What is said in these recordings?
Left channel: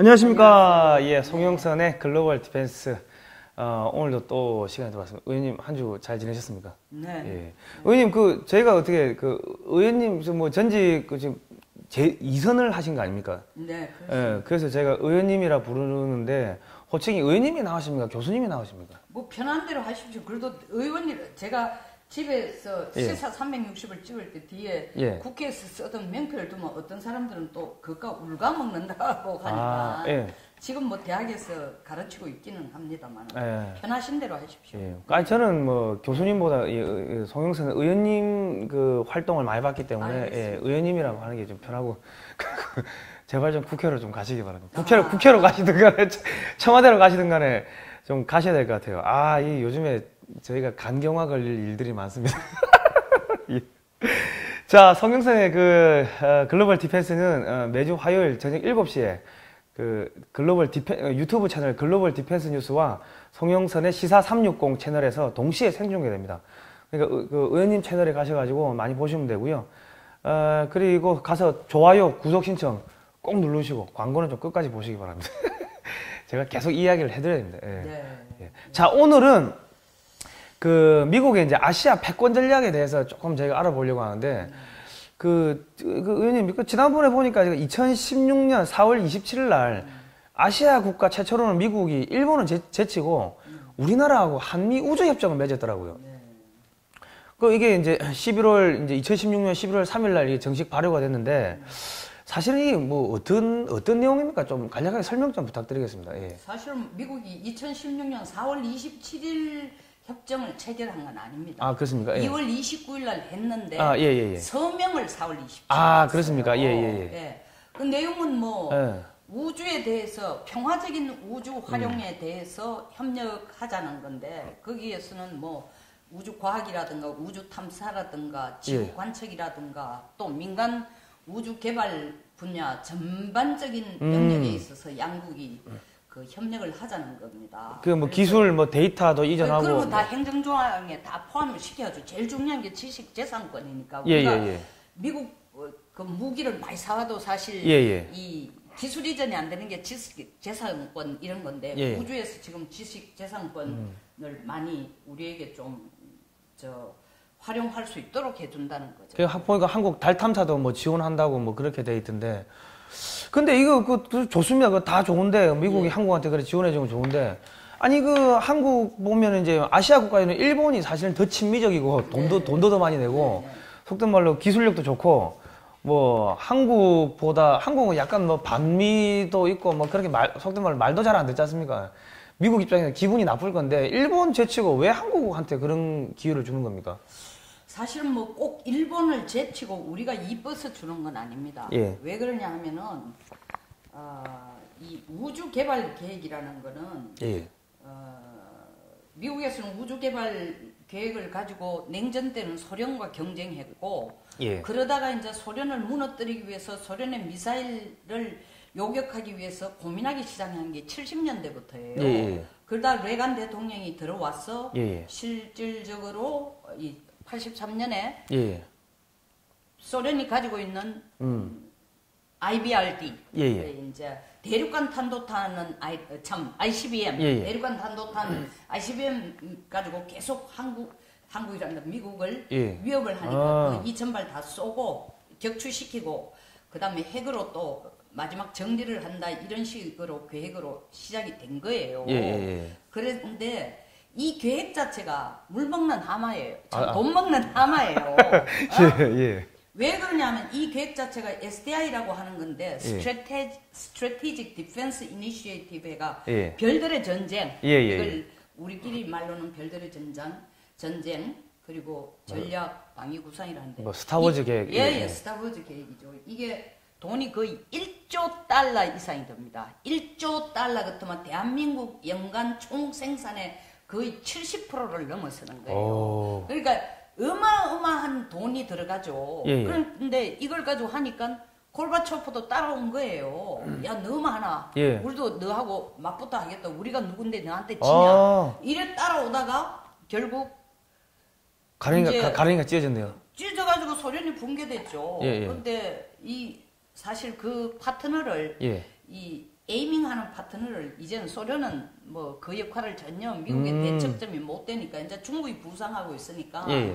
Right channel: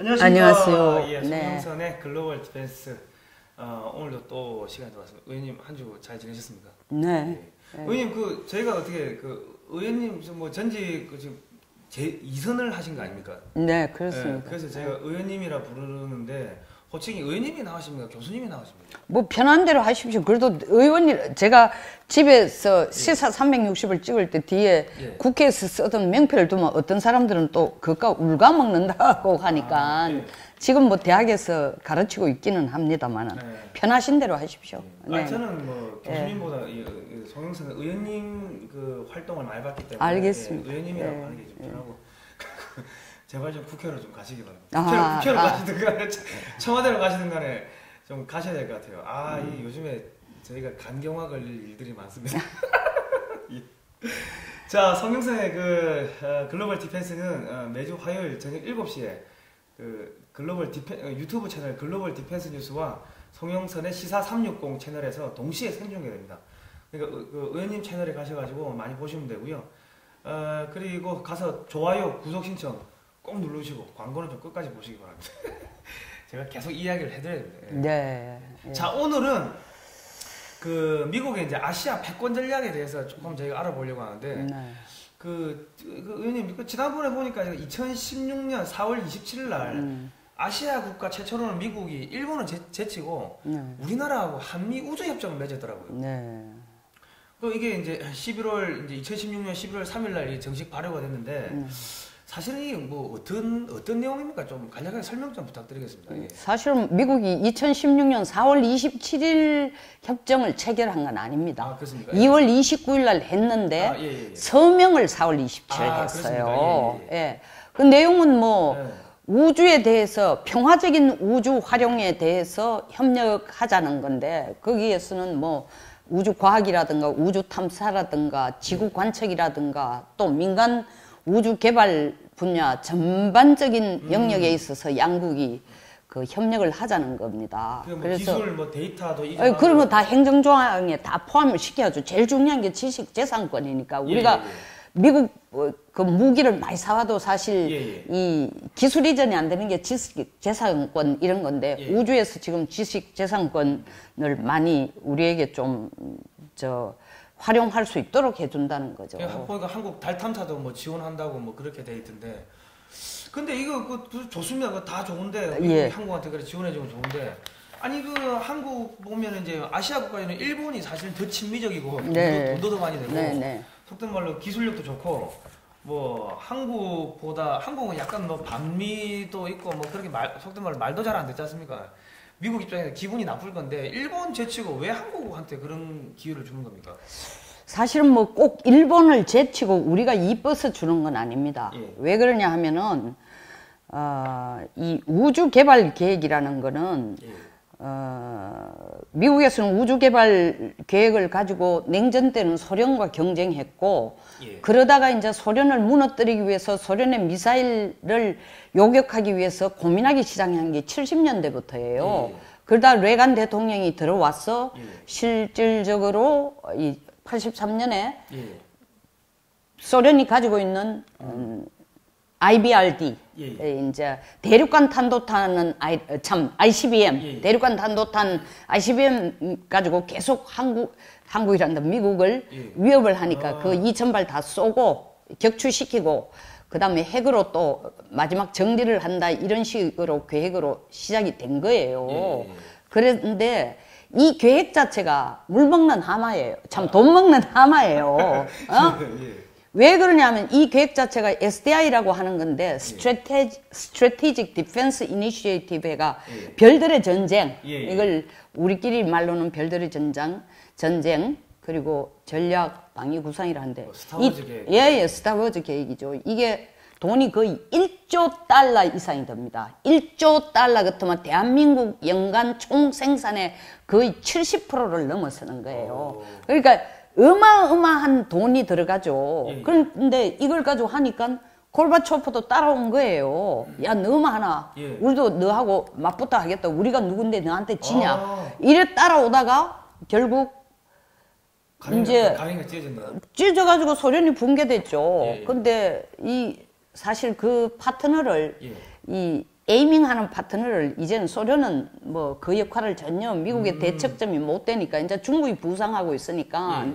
안녕하십니까. 안녕하세요. 예, 송영선의 글로벌 디펜스. 오늘도 또 시간이 들어왔습니다. 의원님 한 주 잘 지내셨습니까? 네. 예. 네. 의원님 저희가 어떻게 의원님 뭐 전직 지금 제2선을 하신 거 아닙니까? 네, 그렇습니다. 예, 그래서 제가 의원님이라 부르는데 호칭이 의원님이 나오십니까? 교수님이 나오십니까? 뭐 편한 대로 하십시오. 그래도 의원님 제가 집에서 시사 360을 찍을 때 뒤에 국회에서 쓰던 명패를 두면 어떤 사람들은 또 그까 울가 먹는다고 하니까 지금 뭐 대학에서 가르치고 있기는 합니다만 편하신 대로 하십시오. 네. 저는 뭐 교수님보다 송영선 의원님 그 활동을 많이 봤기 때문에 의원님이라고 하는 게 좀 편하고 제발 좀 국회로 좀 가시기 바랍니다. 국회로 가시든 간에 청와대로 가시든 간에 좀 가셔야 될 것 같아요. 이 요즘에 저희가 간경화 걸릴 일들이 많습니다. 자, 송영선의 글로벌 디펜스는 매주 화요일 저녁 7시에 유튜브 채널 글로벌 디펜스 뉴스와 송영선의 시사 360 채널에서 동시에 생중계됩니다. 그러니까 의원님 채널에 가셔가지고 많이 보시면 되고요. 그리고 가서 좋아요, 구독 신청 꼭 누르시고 광고는 좀 끝까지 보시기 바랍니다. 제가 계속 이야기를 해드려야 됩니다. 네. 자, 오늘은 미국의 이제 아시아 패권 전략에 대해서 조금 저희가 알아보려고 하는데, 의원님, 지난번에 보니까 2016년 4월 27일 날 아시아 국가 최초로는 미국이 일본을 제치고 우리나라하고 한미 우주협정을 맺었더라고요. 네. 이게 이제 2016년 11월 3일 날 이게 정식 발효가 됐는데, 사실은 이게 뭐 어떤 내용입니까? 좀 간략하게 설명 좀 부탁드리겠습니다. 예. 사실은 미국이 2016년 4월 27일 협정을 체결한 건 아닙니다. 그렇습니까? 2월 29일 날 했는데 서명을 4월 27일 했어요. 그렇습니까? 예. 그 내용은 뭐 우주에 대해서 평화적인 우주 활용에 대해서 협력하자는 건데 거기에서는 뭐 우주 과학이라든가 우주 탐사라든가 지구 관측이라든가 또 민간 우주 개발 분야 전반적인 영역에 있어서 양국이 협력을 하자는 겁니다. 뭐 기술, 뭐 데이터도 이전하고 그런 거 다 행정조항에 다 포함을 시켜야죠. 제일 중요한 게 지식 재산권이니까 우리가 미국 그 무기를 많이 사와도 사실 이 기술 이전이 안 되는 게 지식 재산권 이런 건데 우주에서 지금 지식 재산권을 많이 우리에게 좀 활용할 수 있도록 해준다는 거죠. 보니까 한국 달 탐사도 뭐 지원한다고 뭐 그렇게 돼 있던데. 근데 이거 좋습니다. 그거 다 좋은데 미국이 한국한테 그래 지원해주면 좋은데. 아니 한국 보면 이제 아시아 국가에는 일본이 사실은 더 친미적이고 돈도 더 많이 내고 속된 말로 기술력도 좋고 뭐 한국은 약간 뭐 반미도 있고 뭐 그렇게 속된 말로 말도 잘 안 듣지 않습니까? 미국 입장에서 기분이 나쁠 건데 일본 제치고 왜 한국한테 그런 기회를 주는 겁니까? 사실은 뭐 꼭 일본을 제치고 우리가 이뻐서 주는 건 아닙니다. 왜 그러냐 하면은 이 우주 개발 계획이라는 거는 미국에서는 우주 개발 계획을 가지고 냉전 때는 소련과 경쟁했고 그러다가 이제 소련을 무너뜨리기 위해서 소련의 미사일을 요격하기 위해서 고민하기 시작한 게 70년대부터예요. 그러다 레간 대통령이 들어와서 실질적으로 이 83년에 소련이 가지고 있는 IBRD 이제 대륙간 탄도탄은 ICBM 대륙간 탄도탄 ICBM 가지고 계속 한국이란다 미국을 위협을 하니까 그 2,000발 다 쏘고 격추시키고 그 다음에 핵으로 또 마지막 정리를 한다 이런 식으로 계획으로 시작이 된 거예요. 그런데 이 계획 자체가 물 먹는 하마예요. 돈 먹는 하마예요. 왜 그러냐면 이 계획 자체가 SDI라고 하는 건데 Strategic Defense Initiative가 별들의 전쟁 이걸 우리끼리 말로는 별들의 전쟁 그리고 전략 방위 구상이라는데 스타워즈 계획. 스타워즈 계획이죠. 이게 돈이 거의 1조 달러 이상이 됩니다. 1조 달러 같으면 대한민국 연간 총 생산의 거의 70%를 넘어서는 거예요. 그러니까 어마어마한 돈이 들어가죠. 그런데 이걸 가지고 하니까 골바초프도 따라온 거예요. 야, 너만 하나. 우리도 너하고 맞붙어 하겠다. 우리가 누군데 너한테 지냐. 이래 따라오다가 결국 가랭이가 찢어졌네요. 찢어져가지고 소련이 붕괴됐죠. 근데 사실 그 파트너를 이 에이밍하는 파트너를 이제는 소련은 뭐 그 역할을 전혀 미국의 대척점이 못 되니까 이제 중국이 부상하고 있으니까 예.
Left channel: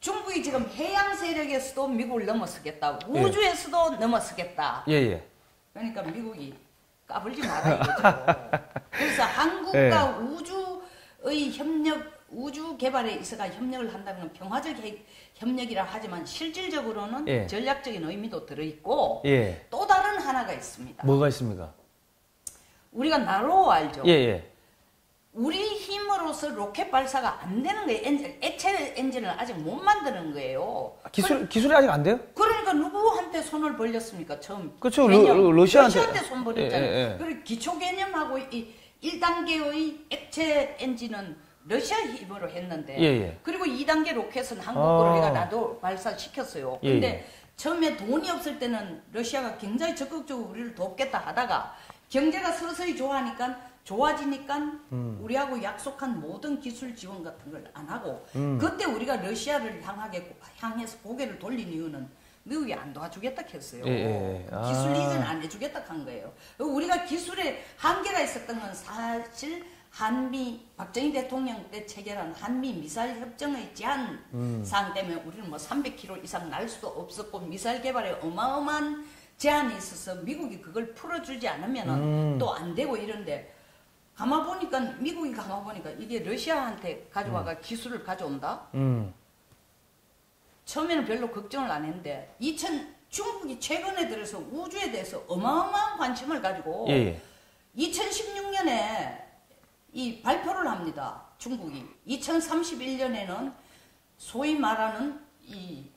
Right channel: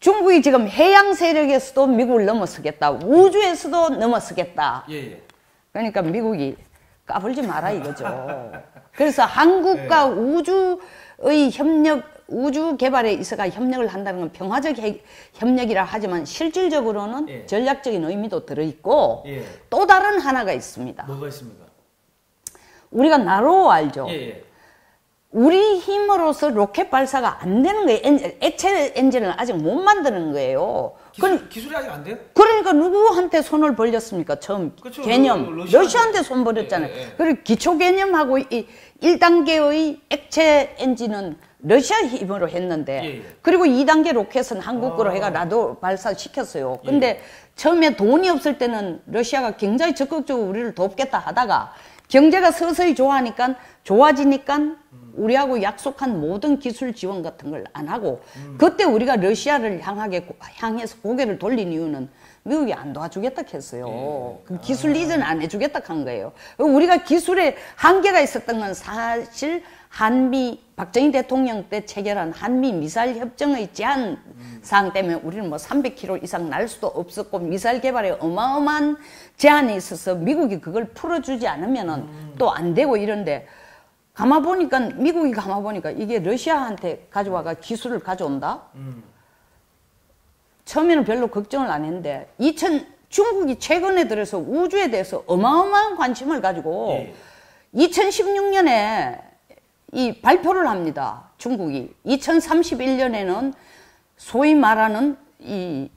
중국이 지금 해양 세력에서도 미국을 넘어서겠다. 우주에서도 넘어서겠다. 예. 그러니까 미국이 까불지 마라 이거죠. 그래서 한국과 우주의 협력, 우주 개발에 있어가 협력을 한다는 건 평화적 협력이라 하지만 실질적으로는 전략적인 의미도 들어있고 또 다른 하나가 있습니다. 뭐가 있습니까? 우리가 나로 알죠. 예. 우리 힘으로서 로켓 발사가 안 되는 거예요. 액체 엔진을 아직 못 만드는 거예요. 기술이 아직 안 돼요? 그러니까 누구한테 손을 벌렸습니까? 처음 그렇죠. 개념. 러시아한테 손 벌렸잖아요. 그리고 기초 개념하고 이 1단계의 액체 엔진은 러시아 힘으로 했는데 그리고 2단계 로켓은 한국 거로 해가 나도 발사시켰어요. 근데 처음에 돈이 없을 때는 러시아가 굉장히 적극적으로 우리를 돕겠다 하다가 경제가 서서히 좋아지니까 우리하고 약속한 모든 기술 지원 같은 걸 안 하고 그때 우리가 러시아를 향해서 고개를 돌린 이유는 미국이 안 도와주겠다 했어요. 기술 이전 안 해주겠다 한 거예요. 우리가 기술에 한계가 있었던 건 사실 박정희 대통령 때 체결한 한미 미사일 협정의 제한 사항 때문에 우리는 뭐 300km 이상 날 수도 없었고 미사일 개발에 어마어마한 제한이 있어서 미국이 그걸 풀어주지 않으면은 또 안 되고 이런데 미국이 가만 보니까 이게 러시아한테 가져와가 기술을 가져온다? 처음에는 별로 걱정을 안 했는데 중국이 최근에 들어서 우주에 대해서 어마어마한 관심을 가지고 2016년에 이 발표를 합니다. 중국이 2031년에는 소위 말하는 이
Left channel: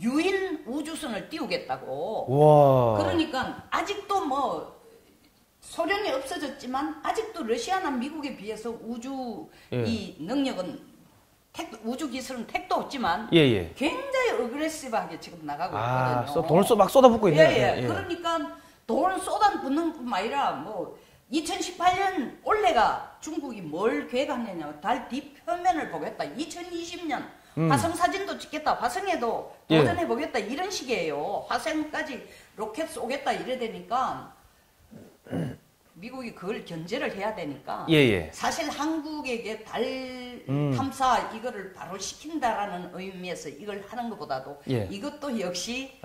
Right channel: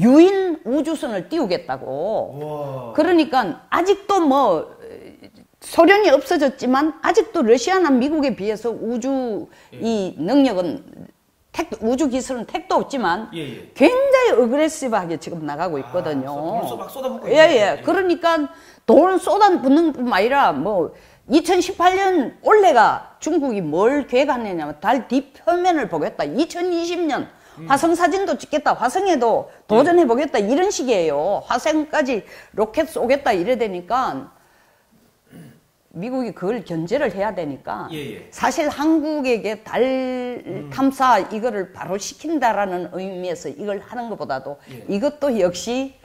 유인 우주선을 띄우겠다고. 그러니까 아직도 뭐 소련이 없어졌지만 아직도 러시아나 미국에 비해서 우주 이 능력은 우주 기술은 택도 없지만 굉장히 어그레시브하게 지금 나가고 있거든요. 돈을 막 쏟아붓고 있네요. 그러니까 돈을 쏟아붓는 뿐만 아니라 뭐 2018년 올해가 중국이 뭘 계획하느냐면 달 뒷표면을 보겠다. 2020년 화성 사진도 찍겠다. 화성에도 도전해보겠다. 이런 식이에요. 화성까지 로켓 쏘겠다 이래 되니까 미국이 그걸 견제를 해야 되니까 사실 한국에게 달 탐사 이거를 바로 시킨다라는 의미에서 이걸 하는 것보다도 이것도 역시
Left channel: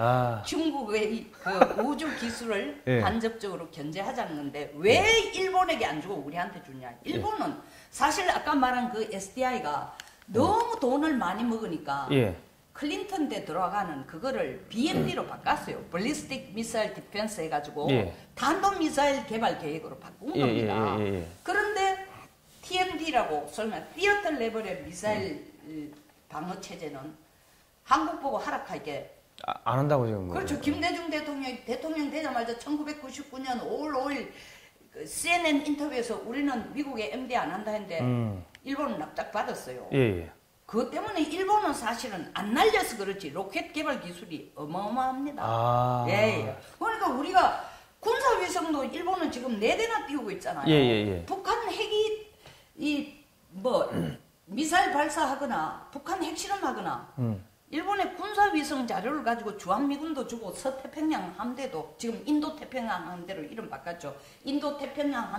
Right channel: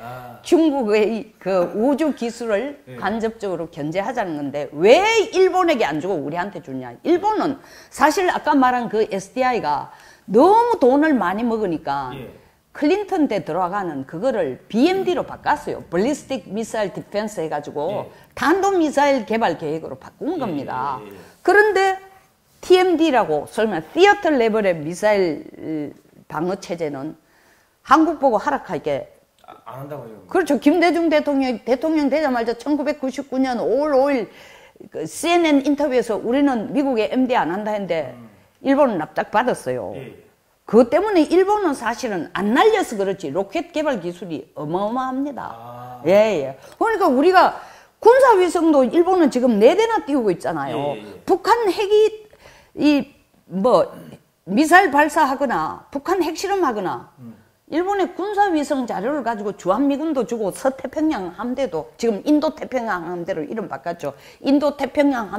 중국의 그 우주 기술을 간접적으로 견제하자는 건데 왜 일본에게 안 주고 우리한테 주냐. 일본은 사실 아까 말한 그 SDI가 너무 돈을 많이 먹으니까 클린턴 때 들어가는 그거를 BMD로 바꿨어요. Ballistic Missile Defense 해가지고 탄도미사일 개발 계획으로 바꾼 겁니다. 그런데 TMD라고 설마 Theater 레벨의 미사일 방어 체제는 한국 보고 하락하게 안 한다고 지금. 그렇죠. 김대중 대통령 되자마자 1999년 5월 5일 그 CNN 인터뷰에서 우리는 미국에 MD 안 한다 했는데 일본은 납작 받았어요. 그것 때문에 일본은 사실은 안 날려서 그렇지 로켓 개발 기술이 어마어마합니다. 그러니까 우리가 군사위성도 일본은 지금 4대나 띄우고 있잖아요. 북한 핵이 미사일 발사하거나 북한 핵실험하거나 일본의 군사위성 자료를 가지고 주한미군도 주고 서태평양 함대도 지금 인도태평양 함대로 이름 바꿨죠. 인도태평양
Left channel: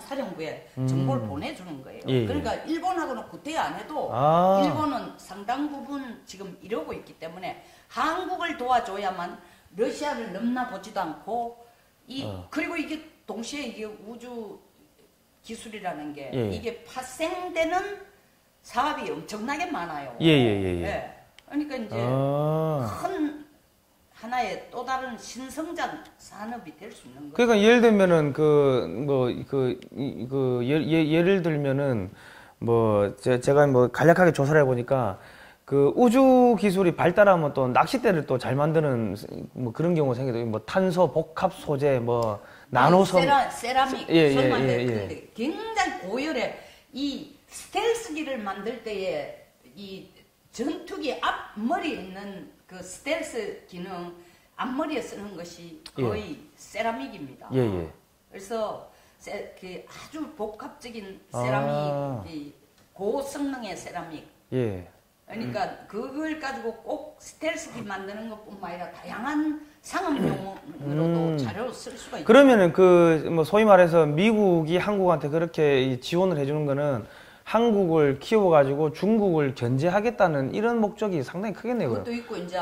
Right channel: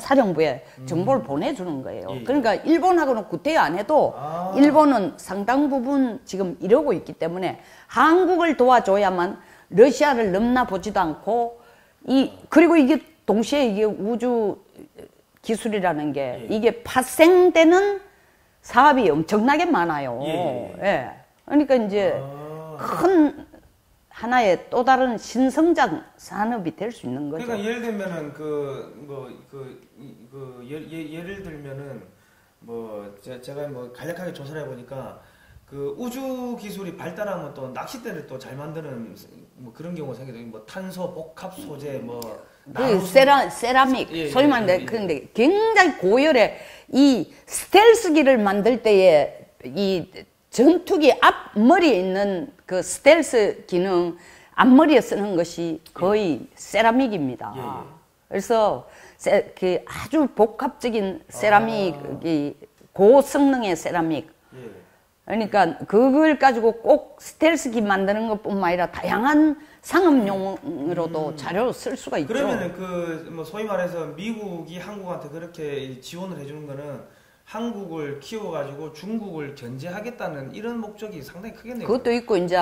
사령부에 정보를 보내주는 거예요. 그러니까 일본하고는 구태 안 해도 일본은 상당 부분 지금 이러고 있기 때문에 한국을 도와줘야만 러시아를 넘나보지도 않고 그리고 이게 동시에 이게 우주 기술이라는 게 이게 파생되는 사업이 엄청나게 많아요. 그러니까 이제 큰 하나의 또 다른 신성장 산업이 될 수 있는 거죠. 그러니까 예를 들면은 예를 들면은 제가 간략하게 조사를 해보니까 그 우주 기술이 발달하면 또 낚싯대를 또 잘 만드는 그런 경우가 생겨요. 탄소 복합 소재 나노 세라믹 소위 말하는 그런데 굉장히 고열의 이 스텔스기를 만들 때에 이 전투기 앞머리에 있는 그 스텔스 기능 앞머리에 쓰는 것이 거의 세라믹입니다. 그래서 그 아주 복합적인 세라믹, 고성능의 세라믹. 그러니까 그걸 가지고 꼭 스텔스기 만드는 것뿐만 아니라 다양한 상업용으로도 자료로 쓸 수가 있죠. 그러면은 그 뭐 소위 말해서 미국이 한국한테 그렇게 지원을 해주는 거는 한국을 키워가지고 중국을 견제하겠다는 이런 목적이 상당히 크겠네요. 그것도 있고 이제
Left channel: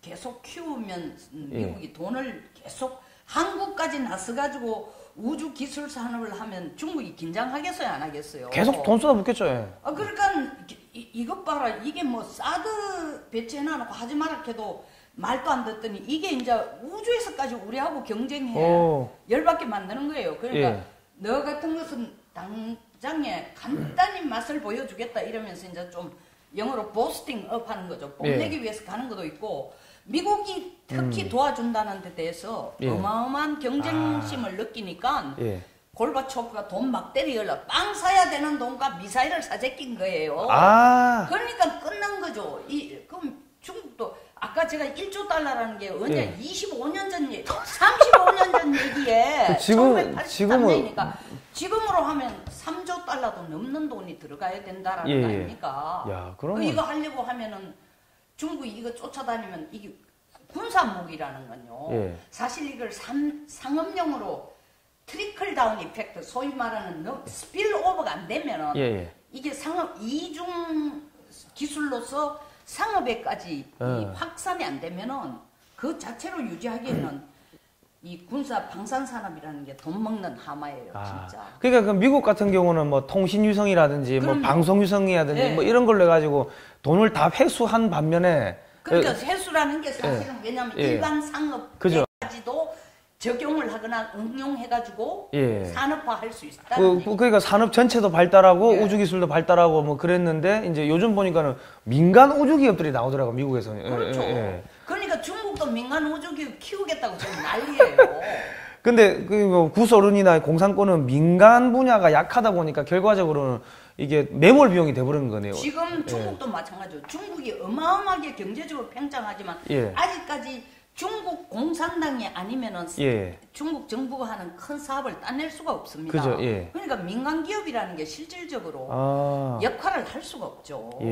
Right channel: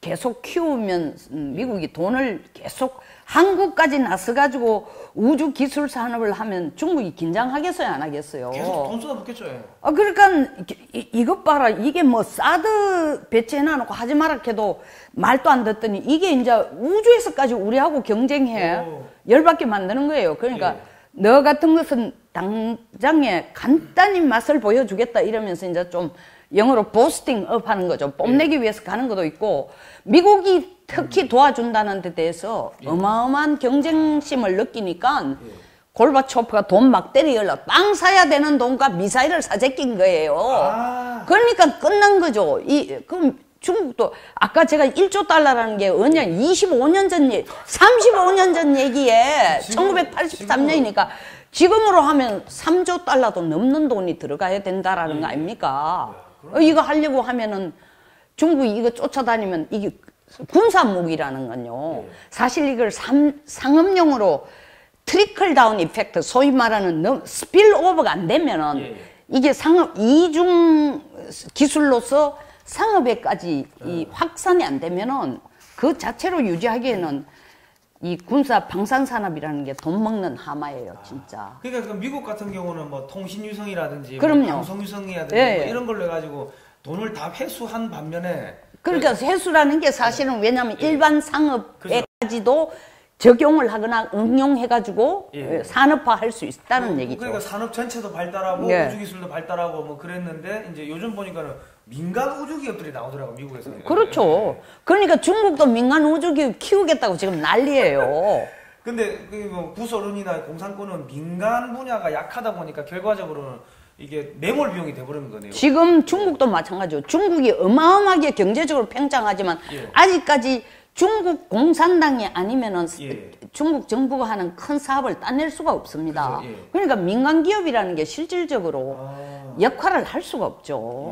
계속 키우면 미국이 돈을 계속 한국까지 나서가지고 우주 기술 산업을 하면 중국이 긴장하겠어요, 안 하겠어요? 계속 돈 쏟아붓겠죠. 그러니까 이것 봐라. 이게 뭐 사드 배치해놔놓고 하지 마라 해도 말도 안 듣더니 이게 이제 우주에서까지 우리하고 경쟁해 열받게 만드는 거예요. 그러니까 너 같은 것은 당장에 간단히 맛을 보여주겠다 이러면서 이제 좀 영어로 보스팅 업 하는 거죠. 뽐내기 위해서 가는 것도 있고, 미국이 특히 도와준다는 데 대해서 어마어마한 경쟁심을 느끼니까 골바초프가 돈 막 때리려고 빵 사야 되는 돈과 미사일을 사재낀 거예요. 그러니까 끝난 거죠. 그럼 중국도 아까 제가 1조 달러라는 게 언제 25년 전 얘기, 35년 전 얘기에 1983년이니까 지금으로 하면 3조 달러도 넘는 돈이 들어가야 된다라는 거 아닙니까? 이거 하려고 하면은 중국이 이거 쫓아다니면 이게 군사무기라는 건요. 사실 이걸 상업용으로 트리클 다운 이펙트, 소위 말하는 스필 오버가 안 되면은 이게 이중 기술로서 상업에까지 이 확산이 안 되면은 그 자체로 유지하기에는 이 군사 방산 산업이라는 게 돈 먹는 하마예요, 진짜. 그러니까 그 미국 같은 경우는 뭐 통신 유성이라든지 뭐 방송 유성이라든지 뭐 이런 걸로 해가지고 돈을 다 회수한 반면에 그러니까 회수라는 게 사실은 왜냐하면 일반 상업에까지도 적용을 하거나 응용해가지고 산업화할 수 있다는 얘기죠. 그러니까 산업 전체도 발달하고 우주기술도 발달하고 뭐 그랬는데 이제 요즘 보니까는 민간 우주기업들이 나오더라고, 미국에서. 그렇죠. 그러니까 중국도 민간 우주기업 키우겠다고 지금 난리예요. 근데 그 뭐 구소련이나 공산권은 민간 분야가 약하다 보니까 결과적으로는 이게 매몰 비용이 돼버리는 거네요. 지금 중국도 마찬가지죠. 중국이 어마어마하게 경제적으로 팽창하지만 아직까지 중국 공산당이 아니면은 중국 정부가 하는 큰 사업을 따낼 수가 없습니다. 그러니까 민간 기업이라는 게 실질적으로 역할을 할 수가 없죠.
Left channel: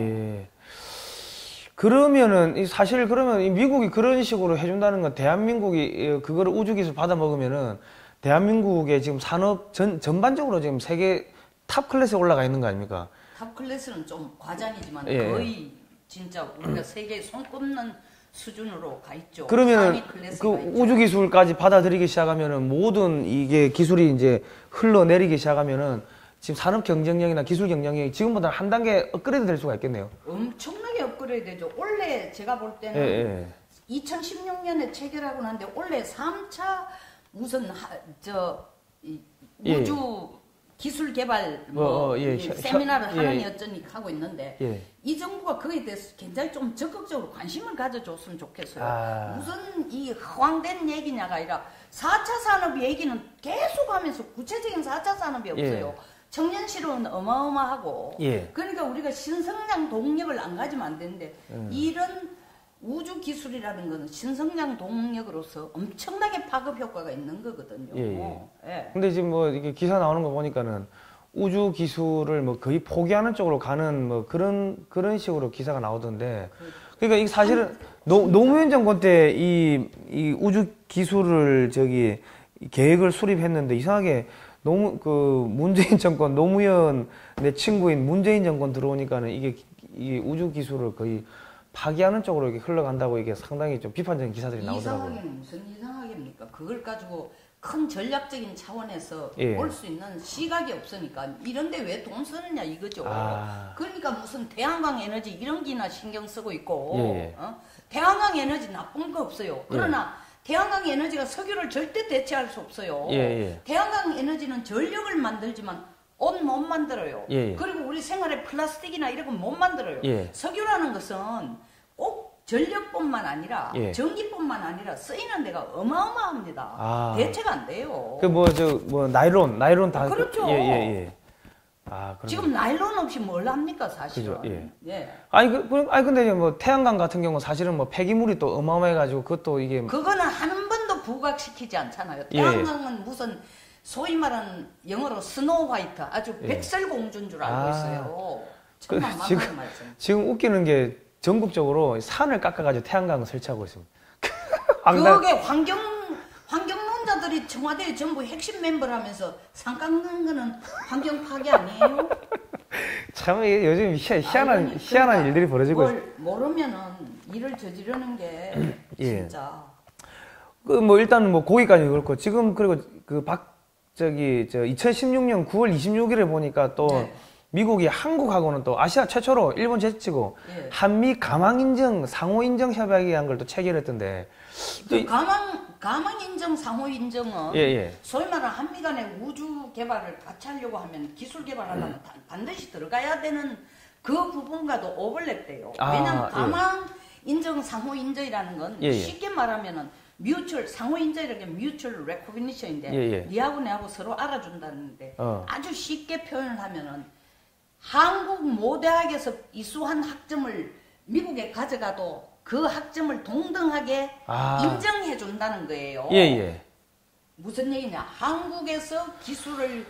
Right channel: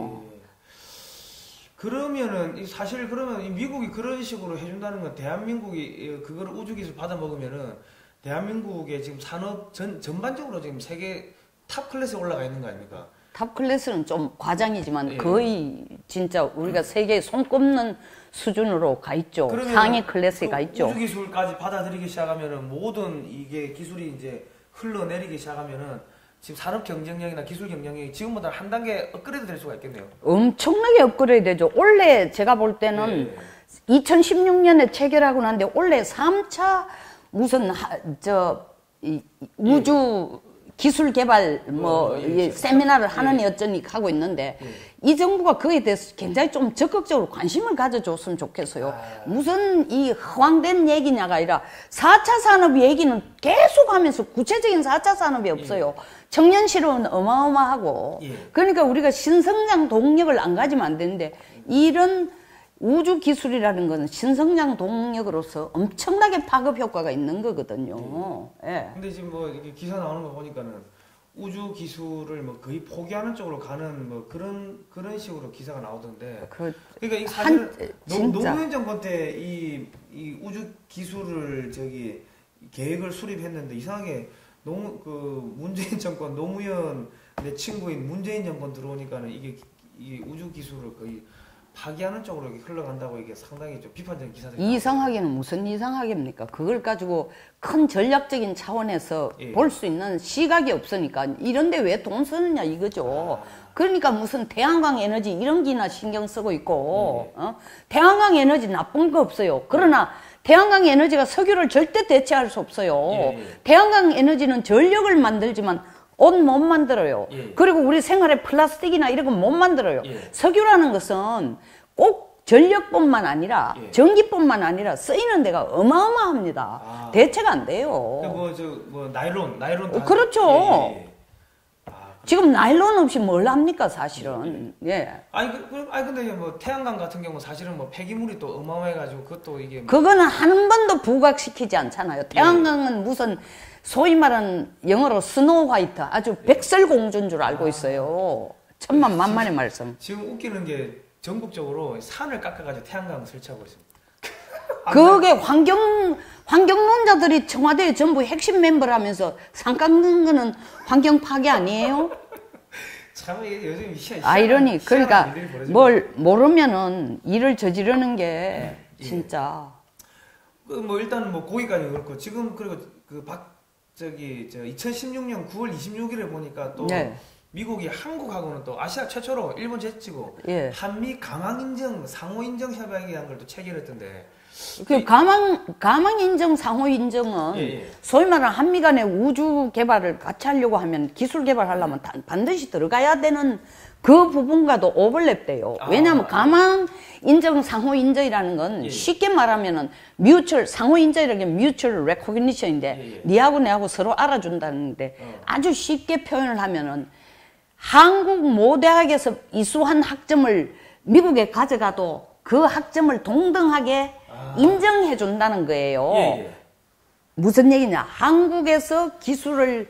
그러면은 사실 그러면 미국이 그런 식으로 해준다는 건 대한민국이 그거를 우주기술 받아 먹으면은 대한민국의 지금 산업 전반적으로 지금 세계 탑 클래스에 올라가 있는 거 아닙니까? 탑 클래스는 좀 과장이지만 거의 진짜 우리가 세계에 손꼽는 수준으로 가 있죠. 상위 클래스에 가 있죠. 우주기술까지 받아들이기 시작하면은 모든 이게 기술이 이제 흘러내리기 시작하면은 지금 산업 경쟁력이나 기술 경쟁력이 지금보다 한 단계 업그레이드 될 수가 있겠네요. 엄청나게 업그레이드 되죠. 원래 제가 볼 때는 2016년에 체결하고 났는데 원래 3차 무슨 우주 기술 개발 세미나를 하느니 어쩌니 하고 있는데 이 정부가 그에 대해서 굉장히 좀 적극적으로 관심을 가져줬으면 좋겠어요. 무슨 이 허황된 얘기냐가 아니라 4차 산업 얘기는 계속 하면서 구체적인 4차 산업이 없어요. 청년 실업은 어마어마하고 그러니까 우리가 신성장 동력을 안 가지면 안 되는데 이런 우주 기술이라는 것은 신성장 동력으로서 엄청나게 파급 효과가 있는 거거든요. 근데 지금 뭐 이게 기사 나오는 거 보니까는 우주 기술을 뭐 거의 포기하는 쪽으로 가는 뭐 그런 식으로 기사가 나오던데. 그러니까 이 사실은 노무현 정권 때 이 우주 기술을 계획을 수립했는데 이상하게 문재인 정권, 노무현 내 친구인 문재인 정권 들어오니까는 이게 우주 기술을 거의 파기하는 쪽으로 이렇게 흘러간다고 이게 상당히 좀 비판적인 기사들이 나오더라고요. 이상하게는 무슨 이상하게입니까? 그걸 가지고 큰 전략적인 차원에서 볼 수 있는 시각이 없으니까 이런데 왜 돈 쓰느냐 이거죠. 그러니까 무슨 태양광 에너지 이런 기나 신경 쓰고 있고 태양광 에너지 나쁜 거 없어요. 그러나 태양광 에너지가 석유를 절대 대체할 수 없어요. 태양광 에너지는 전력을 만들지만 옷 못 만들어요. 그리고 우리 생활에 플라스틱이나 이런 건 못 만들어요. 석유라는 것은 꼭 전력뿐만 아니라 전기뿐만 아니라 쓰이는 데가 어마어마합니다. 대체가 안 돼요. 나일론 다. 그렇죠. 지금 나일론 없이 뭘 합니까, 사실은. 근데 뭐 태양광 같은 경우는 사실은 뭐 폐기물이 또 어마어마해가지고 그것도 이게. 그거는 한 번도 부각시키지 않잖아요. 태양광은 무슨 소위 말하는 영어로 스노우 화이트, 아주 백설공주인 줄 알고 있어요. 천만만만의 말씀. 지금 웃기는 게 전국적으로 산을 깎아가지고 태양광을 설치하고 있습니다. 그게 환경론자들이 청와대에 전부 핵심 멤버를 하면서 상 깎는 거는 환경 파괴 아니에요? 참 요즘 아이러니. 희한한 일들이 벌어지고 뭘 모르면은 일을 저지르는 게 진짜. 그 뭐 일단 뭐 거기까지 그렇고 지금 그리고 그 2016년 9월 26일에 보니까 또 미국이 한국하고는 또 아시아 최초로 일본 제치고 한미 가망 인정 상호 인정 협약이란 걸 또 체결했던데. 그 가망 인정 상호 인정은 소위 말하는 한미 간의 우주 개발을 같이 하려고 하면 기술 개발하려면 반드시 들어가야 되는 그 부분과도 오버랩돼요. 왜냐하면 가망 인정 상호 인정이라는 건 쉽게 말하면은 상호 인정이라는 게 mutual recognition인데 니하고 내하고 서로 알아준다는데 아주 쉽게 표현을 하면은 한국 모대학에서 이수한 학점을 미국에 가져가도 그 학점을 동등하게 인정해 준다는 거예요. 무슨 얘기냐? 한국에서 기술을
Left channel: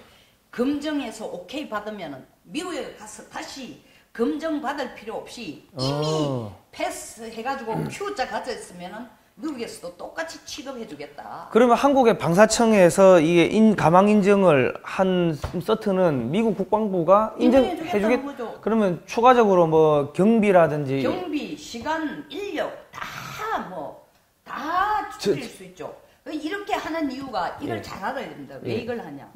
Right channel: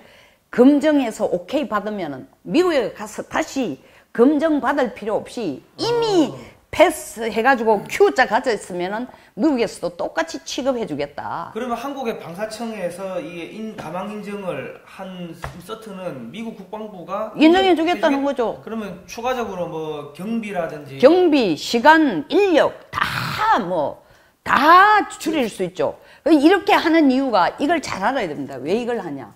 검증해서 오케이 받으면은 미국에 가서 다시 검증 받을 필요 없이 이미 패스 해가지고 Q자 가져 있으면은 미국에서도 똑같이 취급해 주겠다. 그러면 한국의 방사청에서 이게 가망 인정을 한 서트는 미국 국방부가 인정해 주겠다는 거죠. 그러면 추가적으로 뭐 경비라든지 경비, 시간, 인력 다 줄일 수 있죠. 이렇게 하는 이유가 이걸 잘 알아야 됩니다. 왜 이걸 하냐?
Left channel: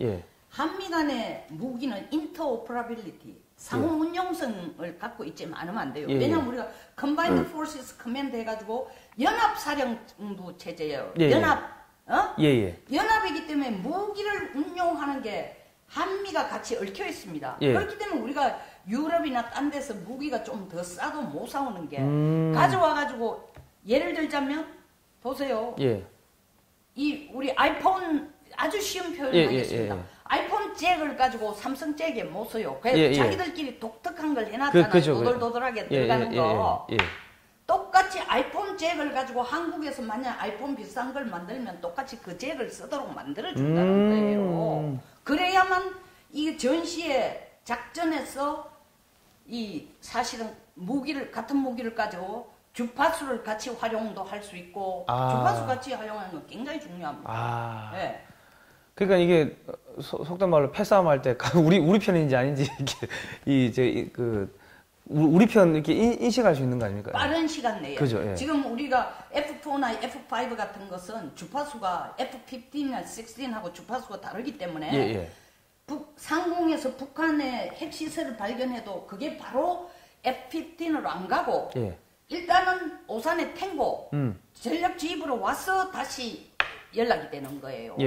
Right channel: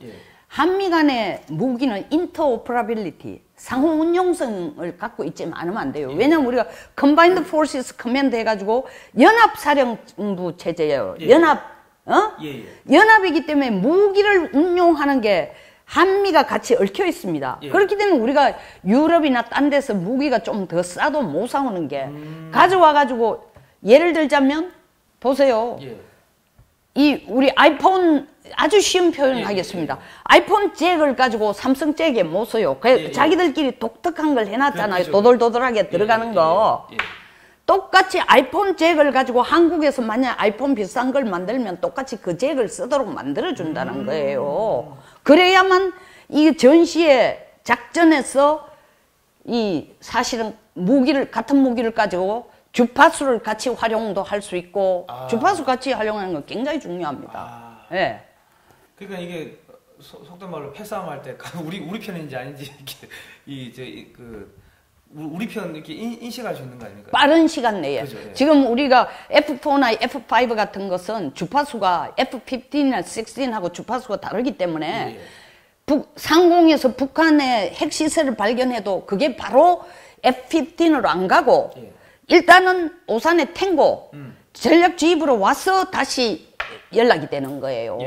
한미 간의 무기는 인터오퍼라빌리티, 상호 운용성을 갖고 있지 않으면 안 돼요. 왜냐면 우리가 Combined Forces Command 해가지고 연합사령부 체제예요. 연합이기 때문에 무기를 운용하는 게 한미가 같이 얽혀 있습니다. 그렇기 때문에 우리가 유럽이나 딴 데서 무기가 좀 더 싸도 못 사오는 게 가져와가지고 예를 들자면 보세요. 이 우리 아이폰 아주 쉬운 표현을 하겠습니다. 아이폰 잭을 가지고 삼성 잭에 못 써요. 자기들끼리 독특한 걸 해놨잖아요. 도돌도돌하게 들어가는 거. 똑같이 아이폰 잭을 가지고 한국에서 만약 아이폰 비싼 걸 만들면 똑같이 그 잭을 쓰도록 만들어준다는 거예요. 그래야만 이 전시의 작전에서 이 사실은 같은 무기를 가지고 주파수를 같이 활용도 할 수 있고 주파수 같이 활용하는 건 굉장히 중요합니다. 그러니까 이게 속된 말로 패싸움 할 때 우리 편인지 아닌지 이게 우리 편 이렇게 인식할 수 있는 거 아닙니까? 빠른 시간 내에. 그죠, 지금 우리가 F4나 F5 같은 것은 주파수가 F15나 16하고 주파수가 다르기 때문에 상공에서 북한의 핵시설을 발견해도 그게 바로 F15으로 안 가고 일단은 오산의 탱고 전략 지휘부로 와서 다시 연락이 되는 거예요.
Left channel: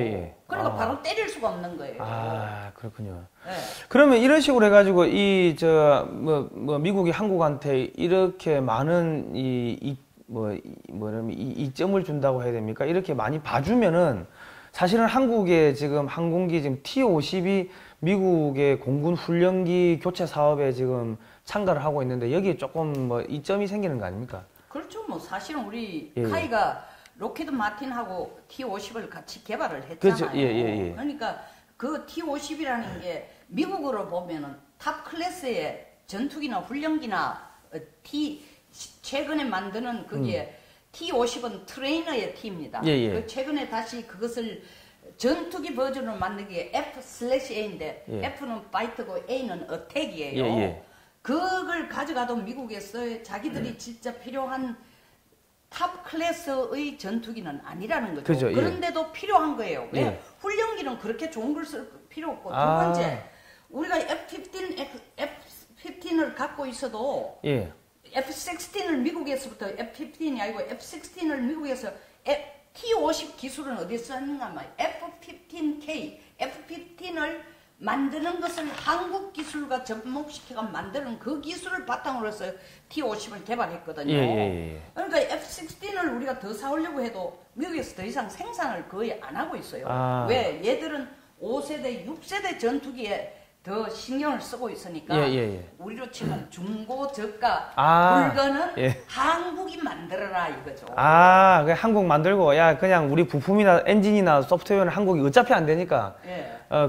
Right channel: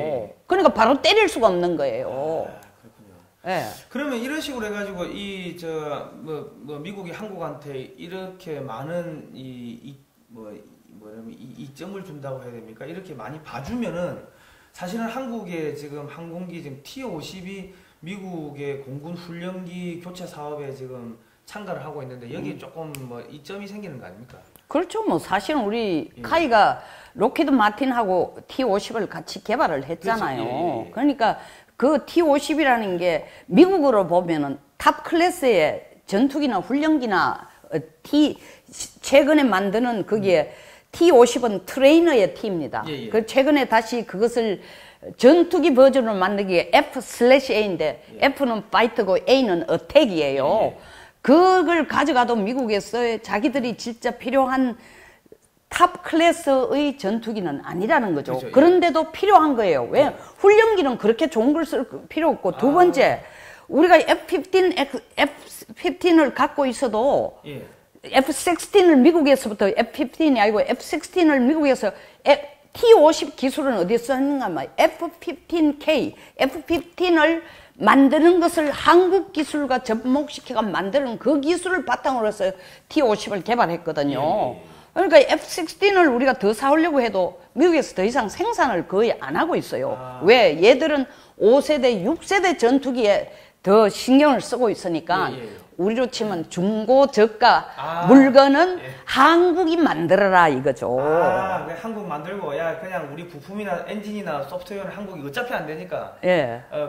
그러니까 바로 때릴 수가 없는 거예요. 그렇군요. 그러면 이런 식으로 해가지고 미국이 한국한테 이렇게 많은 이점을 준다고 해야 됩니까? 이렇게 많이 봐주면은 사실은 한국의 지금 항공기 지금 T-50이 미국의 공군 훈련기 교체 사업에 지금 참가를 하고 있는데 여기에 조금 이점이 생기는 거 아닙니까? 그렇죠. 사실은 우리 카이가 로키드 마틴하고 T-50을 같이 개발을 했잖아요. 그러니까 그 T-50이라는 게 미국으로 보면은 탑 클래스의 전투기나 훈련기나 최근에 만드는 거기에 T-50은 트레이너의 T입니다. 그 최근에 다시 그것을 전투기 버전으로 만들기에 F/A인데 F는 파이트고 A는 어택이에요. 그걸 가져가도 미국에서 자기들이 진짜 필요한 탑 클래스의 전투기는 아니라는 거죠. 그렇죠, 그런데도 필요한 거예요. 왜? 훈련기는 그렇게 좋은 걸 쓸 필요 없고 두 번째 우리가 F-15을 갖고 있어도 F-16을 미국에서부터 F-15이 아니고 F-16을 미국에서 T-50 기술은 어디서 했는가 하면 F-15K, F-15을 만드는 것을 한국 기술과 접목시켜가 만드는 그 기술을 바탕으로 해서 T-50을 개발했거든요. 그러니까 F-16을 우리가 더 사오려고 해도 미국에서 더 이상 생산을 거의 안 하고 있어요. 왜? 얘들은 5세대, 6세대 전투기에 더 신경을 쓰고 있으니까 우리로 치면 중고 저가 물건은 한국이 만들어라 이거죠. 그 한국 만들고 그냥 우리 부품이나 엔진이나 소프트웨어는 한국이 어차피 안 되니까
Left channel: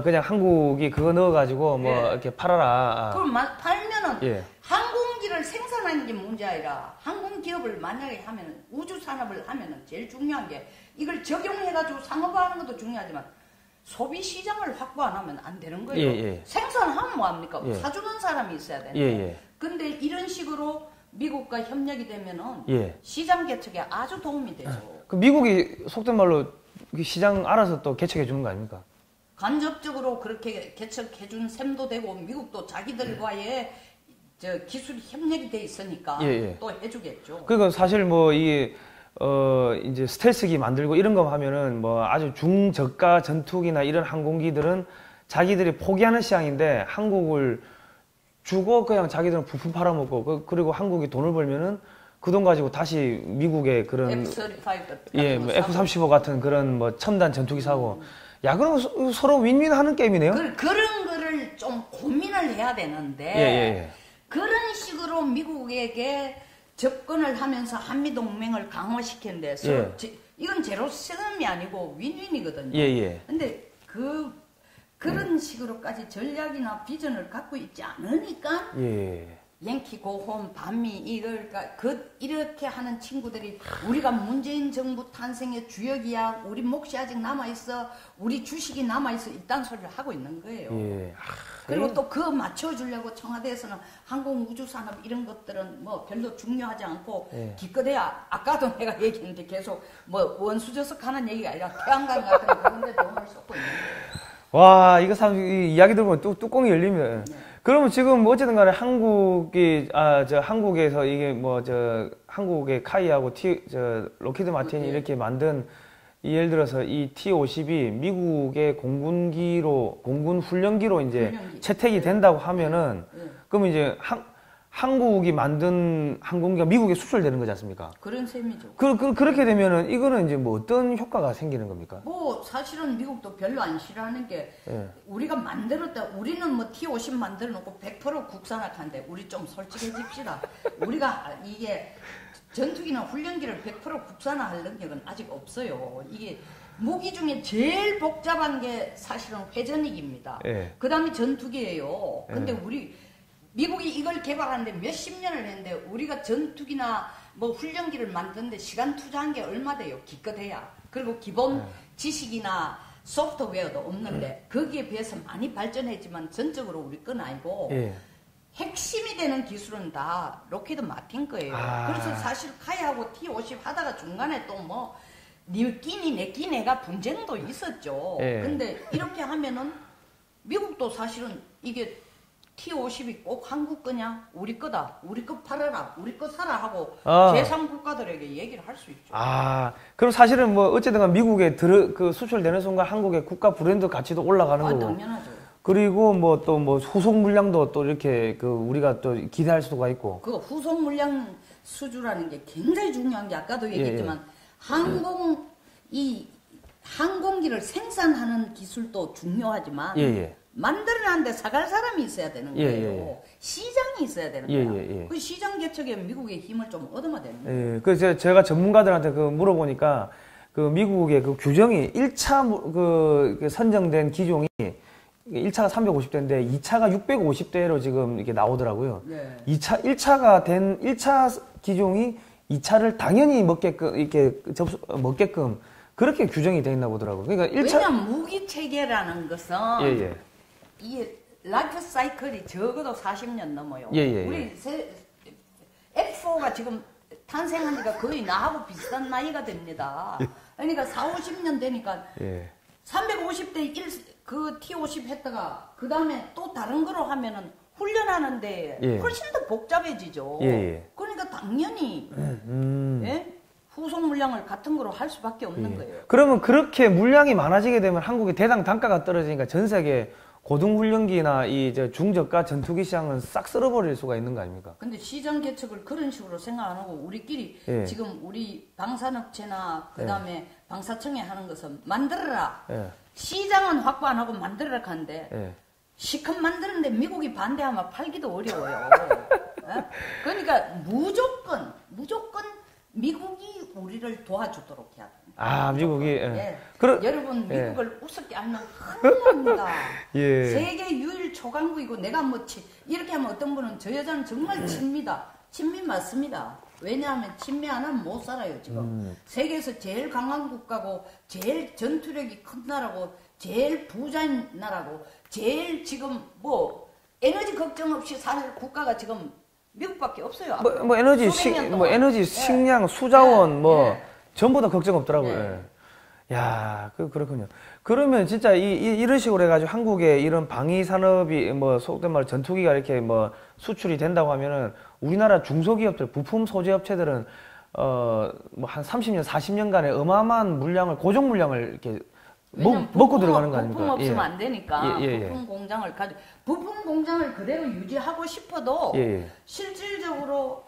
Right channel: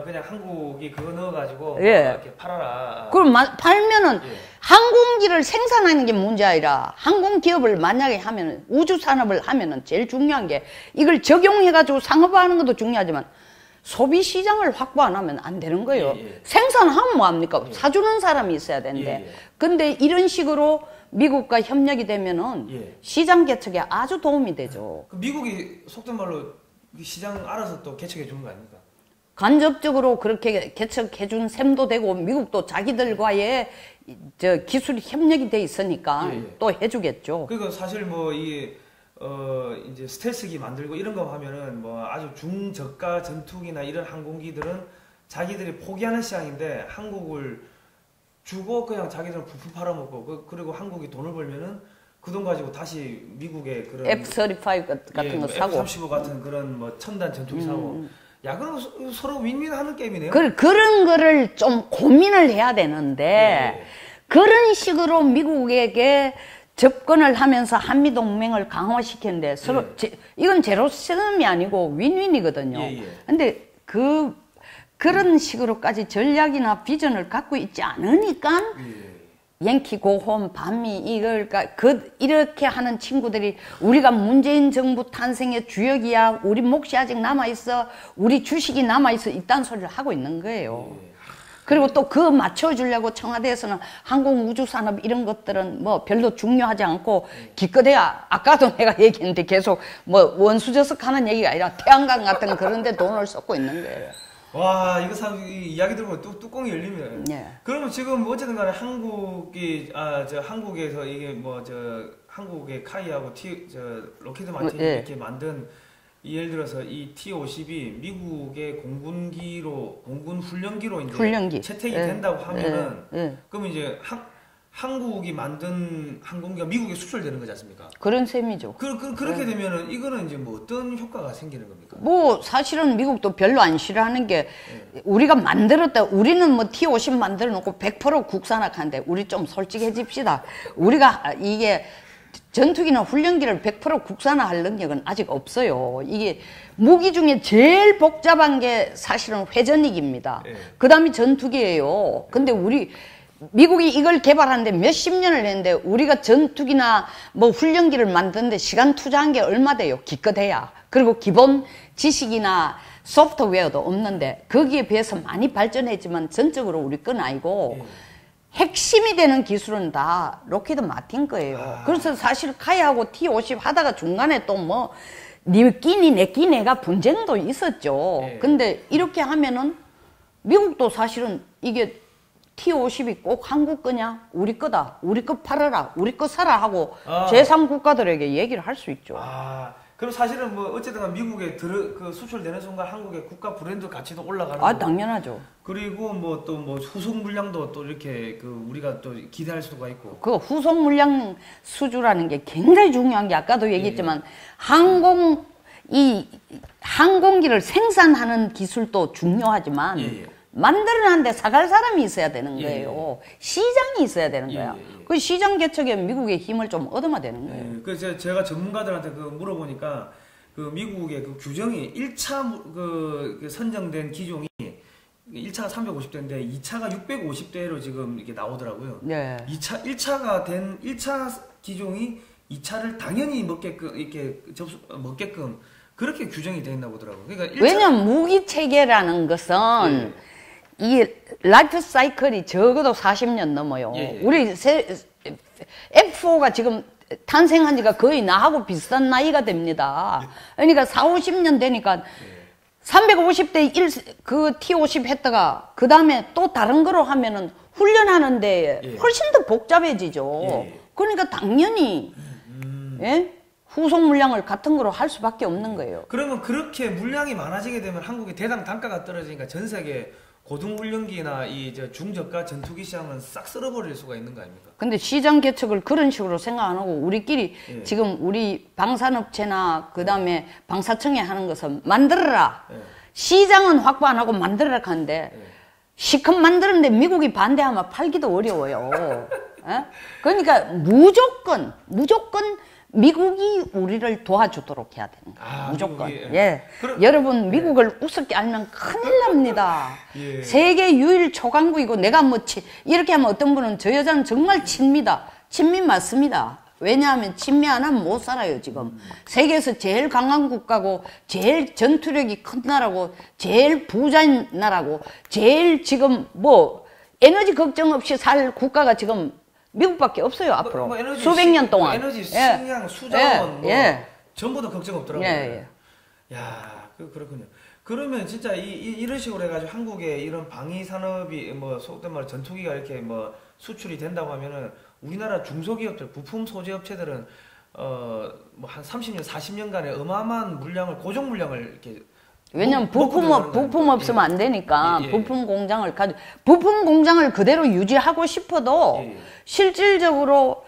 그냥 한국이 그거 넣어가지고 뭐 이렇게 팔아라. 그럼 팔면은 항공기를 생산하는 게 문제 아니라 항공 기업을 만약에 하면은 우주 산업을 하면은 제일 중요한 게 이걸 적용해가지고 상업화하는 것도 중요하지만. 소비 시장을 확보 안 하면 안 되는 거예요. 생산하면 뭐합니까? 사주는 사람이 있어야 되는데. 근데 이런 식으로 미국과 협력이 되면은 시장 개척에 아주 도움이 되죠. 그 미국이 속된 말로 시장 알아서 또 개척해 주는 거 아닙니까? 간접적으로 그렇게 개척해 준 셈도 되고 미국도 자기들과의 기술이 협력이 돼 있으니까 또 해주겠죠. 그러니까 사실 뭐 이게 이제 스텔스기 만들고 이런 거 하면은 뭐 아주 중저가 전투기나 이런 항공기들은 자기들이 포기하는 시장인데 한국을 주고 그냥 자기들은 부품 팔아먹고 그리고 한국이 돈을 벌면은 그 돈 가지고 다시 미국의 그런 F-35 같은 거 사고 F-35 같은 그런 뭐 첨단 전투기 사고 그럼 서로 윈윈 하는 게임이네요. 그런 거를 좀 고민을 해야 되는데 그런 식으로 미국에게 접근을 하면서 한미동맹을 강화시켰는데 서로 이건 제로섬이 아니고 윈윈이거든요. 근데 그런 식으로까지 전략이나 비전을 갖고 있지 않으니까 양키 고홈 반미 이렇게 하는 친구들이 우리가 문재인 정부 탄생의 주역이야. 우리 몫이 아직 남아있어. 우리 주식이 남아있어. 이딴 소리를 하고 있는 거예요. 그리고 또 그 맞춰주려고 청와대에서는 항공우주산업 이런 것들은 뭐 별로 중요하지 않고 기껏해야 아까도 내가 얘기했는데 계속 뭐 원수저석 하는 얘기가 아니라 태양광 같은 그런 데 돈을 쏟고 있는 거예요. 와, 이거 참 이야기 들으면 뚜껑이 열리면. 그러면 지금 어쨌든 간에 한국에서 이게 한국의 카이하고 로키드 마틴이 이렇게 만든 예를 들어서 이 T-50이 미국의 공군 훈련기로 이제 채택이 된다고 하면은 그러면 이제 한국이 만든 항공기가 미국에 수출되는 거지 않습니까? 그런 셈이죠. 그렇게 되면은 이거는 이제 뭐 어떤 효과가 생기는 겁니까? 뭐 사실은 미국도 별로 안 싫어하는 게 우리가 만들었다. 우리는 뭐 T-50 만들어 놓고 100% 국산화하는데 우리 좀 솔직해집시다. 우리가 이게 전투기나 훈련기를 100% 국산화할 능력은 아직 없어요. 이게 무기 중에 제일 복잡한 게 사실은 회전익입니다. 그 다음이 전투기예요. 근데 미국이 이걸 개발하는데 몇십 년을 했는데 우리가 전투기나 뭐 훈련기를 만드는데 시간 투자한 게 얼마 돼요? 기껏해야. 그리고 기본 지식이나 소프트웨어도 없는데 거기에 비해서 많이 발전했지만 전적으로 우리 건 아니고 핵심이 되는 기술은 다 로키드 마틴 거예요. 그래서 사실 카이하고 T-50 하다가 중간에 또 뭐 니 끼니 내 끼니가 분쟁도 있었죠. 근데 이렇게 하면은 미국도 사실은 이게 T-50이 꼭 한국 거냐? 우리 거다. 우리 거 팔아라. 우리 거 사라 하고 제3국가들에게 얘기를 할 수 있죠. 그럼 사실은 뭐 어쨌든 미국에 수출되는 순간 한국의 국가 브랜드 가치도 올라가는 거고. 당연하죠. 그리고 뭐 또 뭐 후속 물량도 또 이렇게 우리가 또 기대할 수가 있고. 그 후속 물량 수주라는 게 굉장히 중요한 게 아까도 얘기했지만 항공기를 생산하는 기술도 중요하지만 만들어놨는데 사갈 사람이 있어야 되는 거예요. 시장이 있어야 되는 거야. 그 시장 개척에 미국의 힘을 좀 얻어야 되는 거예요. 그래서 제가 전문가들한테 물어보니까 미국의 규정이 1차 선정된 기종이 1차가 350대인데 2차가 650대로 지금 이렇게 나오더라고요. 1차 기종이 2차를 당연히 먹게끔 그렇게 규정이 되어 있나 보더라고요. 그러니까 왜냐면 무기 체계라는 것은 이 라이프 사이클이 적어도 40년 넘어요. 우리 F4가 지금 탄생한 지가 거의 나하고 비슷한 나이가 됩니다. 그러니까 40-50년 되니까 350대 그 T-50 했다가 그 다음에 또 다른 거로 하면은 훈련하는데 훨씬 더 복잡해지죠. 그러니까 당연히 후속 물량을 같은 거로 할 수밖에 없는 거예요. 그러면 그렇게 물량이 많아지게 되면 한국의 대당 단가가 떨어지니까 전 세계 고등훈련기나 중저가 전투기 시장은 싹 쓸어버릴 수가 있는 거 아닙니까? 근데 시장 개척을 그런 식으로 생각 안 하고 우리끼리 지금 우리 방산업체나 그 다음에 방사청에 하는 것은 만들어라. 시장은 확보 안 하고 만들어라 하는데 시컷 만드는데 미국이 반대하면 팔기도 어려워요. 어? 그러니까 무조건 미국이 우리를 도와주도록 해야 되는 거예요. 아, 무조건. 미국이, 예. 여러분 미국을 우습게 알면 큰일 납니다. 예. 세계 유일 초강국이고 내가 뭐 이렇게 하면 어떤 분은 저 여자는 정말 친미다. 친미 맞습니다. 왜냐하면 친미 안 하면 못 살아요 지금. 세계에서 제일 강한 국가고 제일 전투력이 큰 나라고 제일 부자인 나라고 제일 지금 뭐 에너지 걱정 없이 살 국가가 지금 미국밖에 없어요 앞으로. 뭐 에너지 수백 년 동안. 뭐 에너지 식량, 수자원 뭐 예. 전부 다 걱정 없더라고요. 야, 그렇군요. 그러면 진짜 이런 식으로 해가지고 한국의 이런 방위 산업이 뭐 속된 말 전투기가 이렇게 뭐 수출이 된다고 하면은 우리나라 중소기업들, 부품 소재 업체들은 뭐 한 30년, 40년간의 어마어마한 물량을 고정 물량을 이렇게 왜냐면 부품 없으면 안 되니까 부품 공장을 그대로 유지하고 싶어도 실질적으로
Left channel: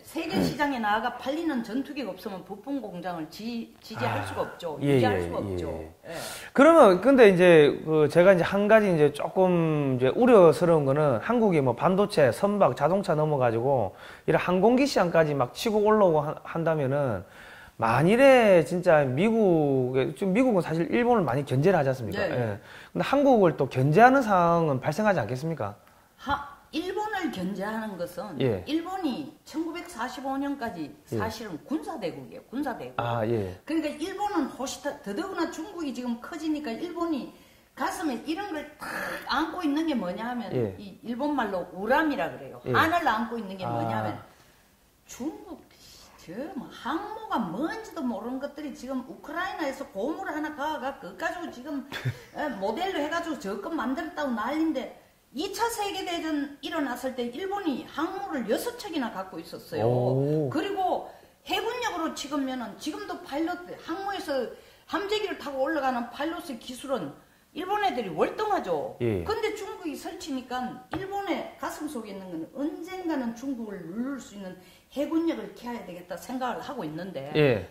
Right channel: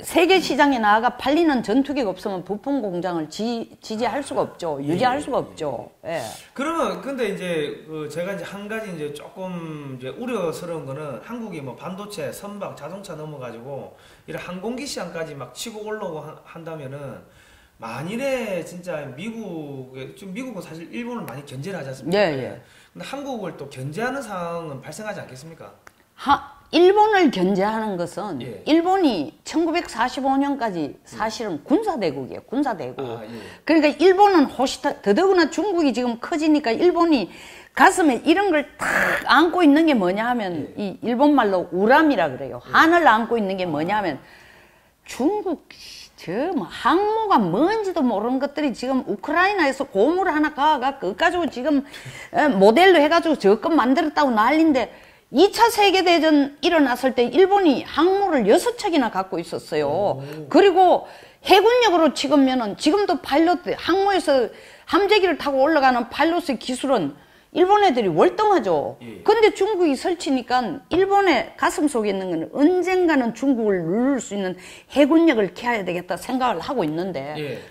세계 시장에 나아가 팔리는 전투기가 없으면 부품 공장을 지지할 수가 없죠. 유지할 수가 없죠. 예. 그러면 근데 이제 제가 이제 한 가지 이제 조금 이제 우려스러운 거는 한국이 뭐 반도체, 선박, 자동차 넘어가지고 이런 항공기 시장까지 막 치고 올라오고 한다면은 만일에 진짜 미국은 사실 일본을 많이 견제를 하지 않습니까? 예. 근데 한국을 또 견제하는 상황은 발생하지 않겠습니까? 일본을 견제하는 것은 일본이 1945년까지 사실은 군사대국이에요. 군사대국. 그러니까 일본은 더더구나 중국이 지금 커지니까 일본이 가슴에 이런 걸 탁 안고 있는 게 뭐냐 하면 이 일본 말로 우람이라 그래요. 한을 안고 있는 게 뭐냐 하면 중국 뭐 항모가 뭔지도 모르는 것들이 지금 우크라이나에서 고무를 하나 가가 그거 가지고 지금 모델로 해가지고 저것 만들었다고 난리인데 2차 세계대전 일어났을 때 일본이 항모를 6척이나 갖고 있었어요. 그리고 해군력으로 치면은 지금도 항모에서 함재기를 타고 올라가는 파일럿의 기술은 일본 애들이 월등하죠. 근데 중국이 설치니까 일본의 가슴 속에 있는 건 언젠가는 중국을 누를 수 있는 해군력을 키워야 되겠다 생각을 하고 있는데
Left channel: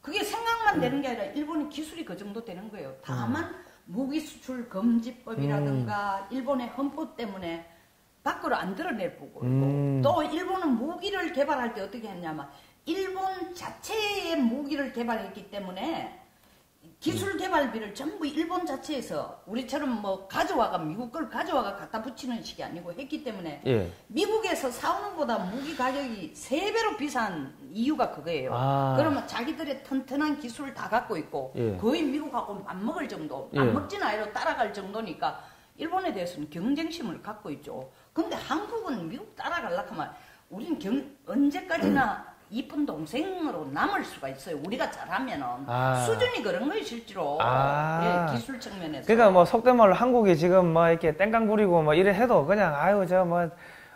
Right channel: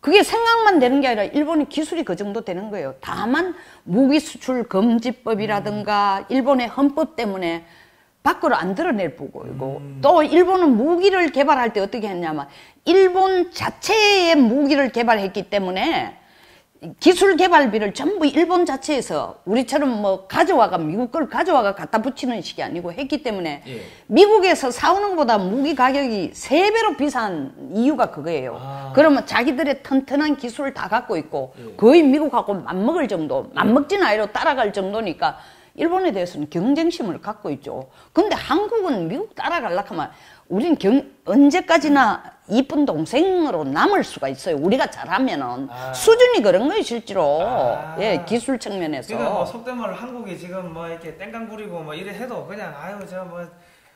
그게 생각만 되는 게 아니라 일본의 기술이 그 정도 되는 거예요. 다만 무기 수출 금지법이라든가 일본의 헌법 때문에 밖으로 안 드러낼 부분이고 또 일본은 무기를 개발할 때 어떻게 했냐면 일본 자체의 무기를 개발했기 때문에 기술 개발비를 전부 일본 자체에서 우리처럼 뭐 미국 걸 가져와가 갖다 붙이는 식이 아니고 했기 때문에 미국에서 사오는 것보다 무기 가격이 3배로 비싼 이유가 그거예요. 그러면 자기들의 튼튼한 기술을 다 갖고 있고 거의 미국하고 맞먹을 정도, 맞먹진 아니로 따라갈 정도니까 일본에 대해서는 경쟁심을 갖고 있죠. 근데 한국은 미국 따라가려고 하면 우린 언제까지나 이쁜 동생으로 남을 수가 있어요. 우리가 잘하면은 수준이 그런 거예요, 실제로. 기술 측면에서. 그러니까 뭐 속된 말로 한국이 지금 뭐 이렇게 땡깡 부리고 뭐 이래 해도 그냥 저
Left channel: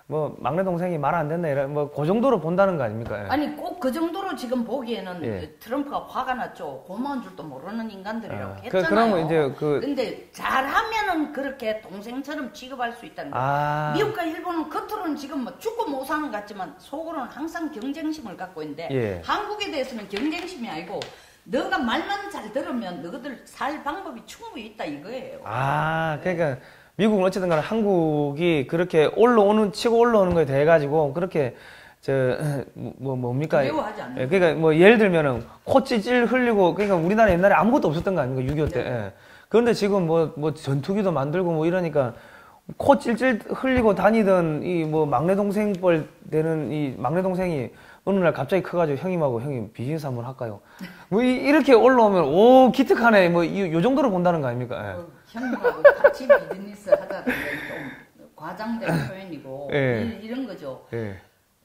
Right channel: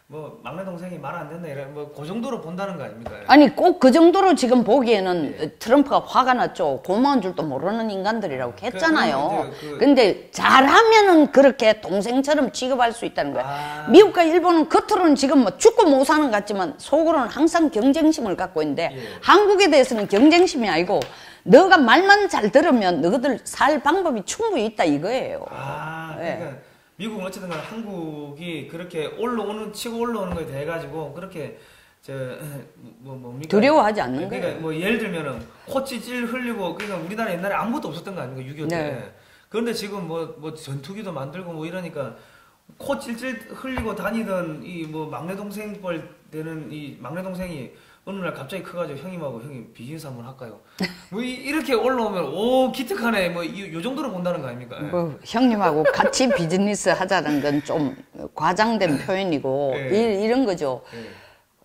뭐 막내 동생이 말 안 듣네 이런 뭐 그 정도로 본다는 거 아닙니까? 아니 꼭 그 정도로 지금 보기에는 트럼프가 화가 났죠. 고마운 줄도 모르는 인간들이라고 했잖아요. 근데 잘하면은 그렇게 동생처럼 취급할 수 있다는 거예요. 미국과 일본은 겉으로는 지금 뭐 죽고 못 사는 것 같지만 속으로는 항상 경쟁심을 갖고 있는데 한국에 대해서는 경쟁심이 아니고 너가 말만 잘 들으면 너희들 살 방법이 충분히 있다 이거예요. 그러니까 미국은 어쨌든 간에 한국이 그렇게 치고 올라오는 거에 대해 가지고 그렇게 뭡니까? 두려워하지 않는 그러니까 뭐 예를 들면은 코 찔찔 흘리고 그러니까 우리나라 옛날에 아무것도 없었던 거 아닙니까? 6.25 때. 그런데 지금 뭐 전투기도 만들고 뭐 이러니까 코 찔찔 흘리고 다니던 이 뭐 막내 동생 뻘 되는 이 막내 동생이 어느 날 갑자기 커가지고 형님 비즈니스 한번 할까요? 뭐 이렇게 올라오면 기특하네 뭐 요 정도로 본다는 거 아닙니까? 형님하고 같이 비즈니스 하자는 건 좀 과장된 표현이고 이런 거죠.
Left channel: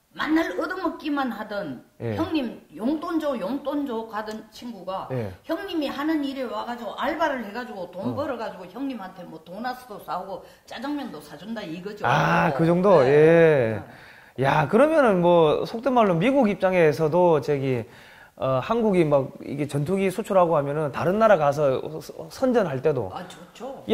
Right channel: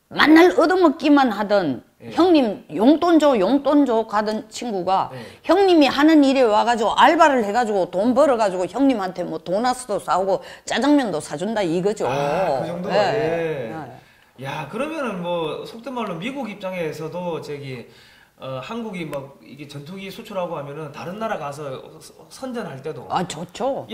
맨날 얻어먹기만 하던 형님 용돈 줘 가던 친구가 형님이 하는 일에 와가지고 알바를 해가지고 돈 벌어가지고 형님한테 뭐 도나스도 사오고 짜장면도 사준다 이거죠. 그 정도? 야, 그러면은 뭐 속된 말로 미국 입장에서도 한국이 막 이게 전투기 수출하고 하면은 다른 나라 가서 선전할 때도 좋죠.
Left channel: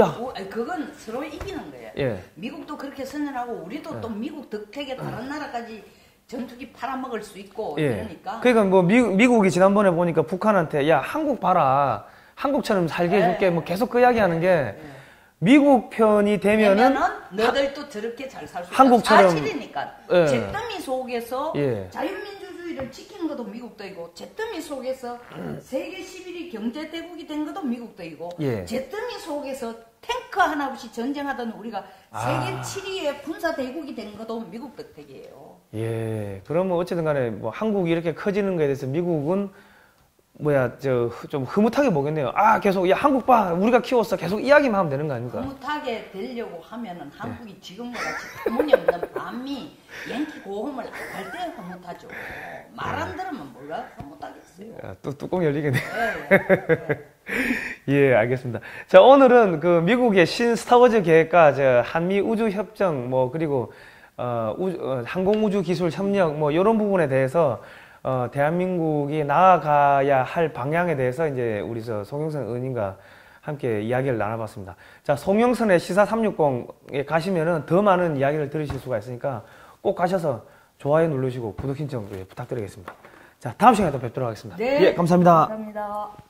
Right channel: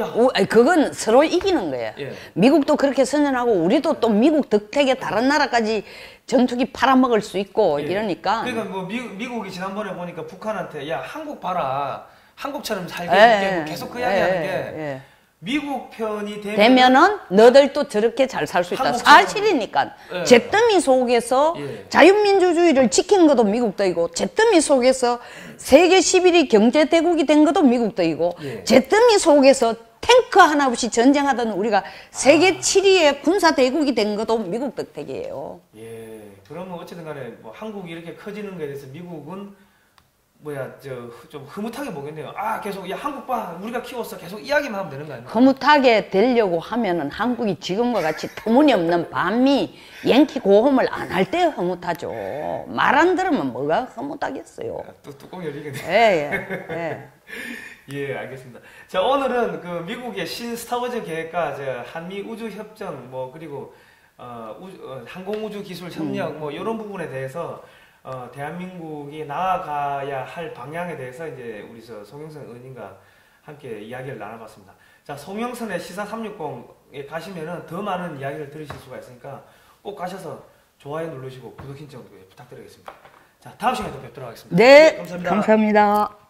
그건 서로 이기는 거예요. 미국도 그렇게 선전하고 우리도 또 미국 덕택에 다른 나라까지 전투기 팔아먹을 수 있고 이러니까. 그러니까 뭐 미국이 지난번에 보니까 북한한테 야 한국 봐라 한국처럼 살게 해줄게 뭐 계속 그 이야기하는 게 미국 편이 되면은 너들도 저렇게 잘 살 수 있다. 사실이니까. 예. 잿더미 속에서 자유민주주의를 지킨 것도 미국도이고 잿더미 속에서 세계 11위 경제대국이 된 것도 미국도이고 잿더미 속에서 탱크 하나 없이 전쟁하던 우리가 세계 7위의 군사대국이 된 것도 미국 덕택이에요. 예. 그러면 어쨌든 간에 뭐 한국이 이렇게 커지는 거에 대해서 미국은 좀 흐뭇하게 보겠네요. 아, 계속, 야, 한국 봐. 우리가 키웠어. 계속 이야기만 하면 되는 거 아닙니까? 흐뭇하게 되려고 하면은 한국이 지금과 같이 터무니없는 반미, 양키 고홈을 안 할 때 흐뭇하죠. 말 안 들으면 뭐가 흐뭇하겠어요. 야, 또 뚜껑 열리겠네. 예. 예, 알겠습니다. 자, 오늘은 그 미국의 신 스타워즈 계획과 한미 우주 협정, 뭐, 그리고, 항공우주 기술 협력, 뭐, 이런 부분에 대해서 대한민국이 나아가야 할 방향에 대해서 이제 우리 송영선 의원님과 함께 이야기를 나눠봤습니다. 자, 송영선의 시사 360에 가시면은 더 많은 이야기를 들으실 수가 있으니까 꼭 가셔서 좋아요 누르시고 구독 신청 부탁드리겠습니다. 자, 다음 시간에 또 뵙도록 하겠습니다. 네. 예, 감사합니다. 감사합니다.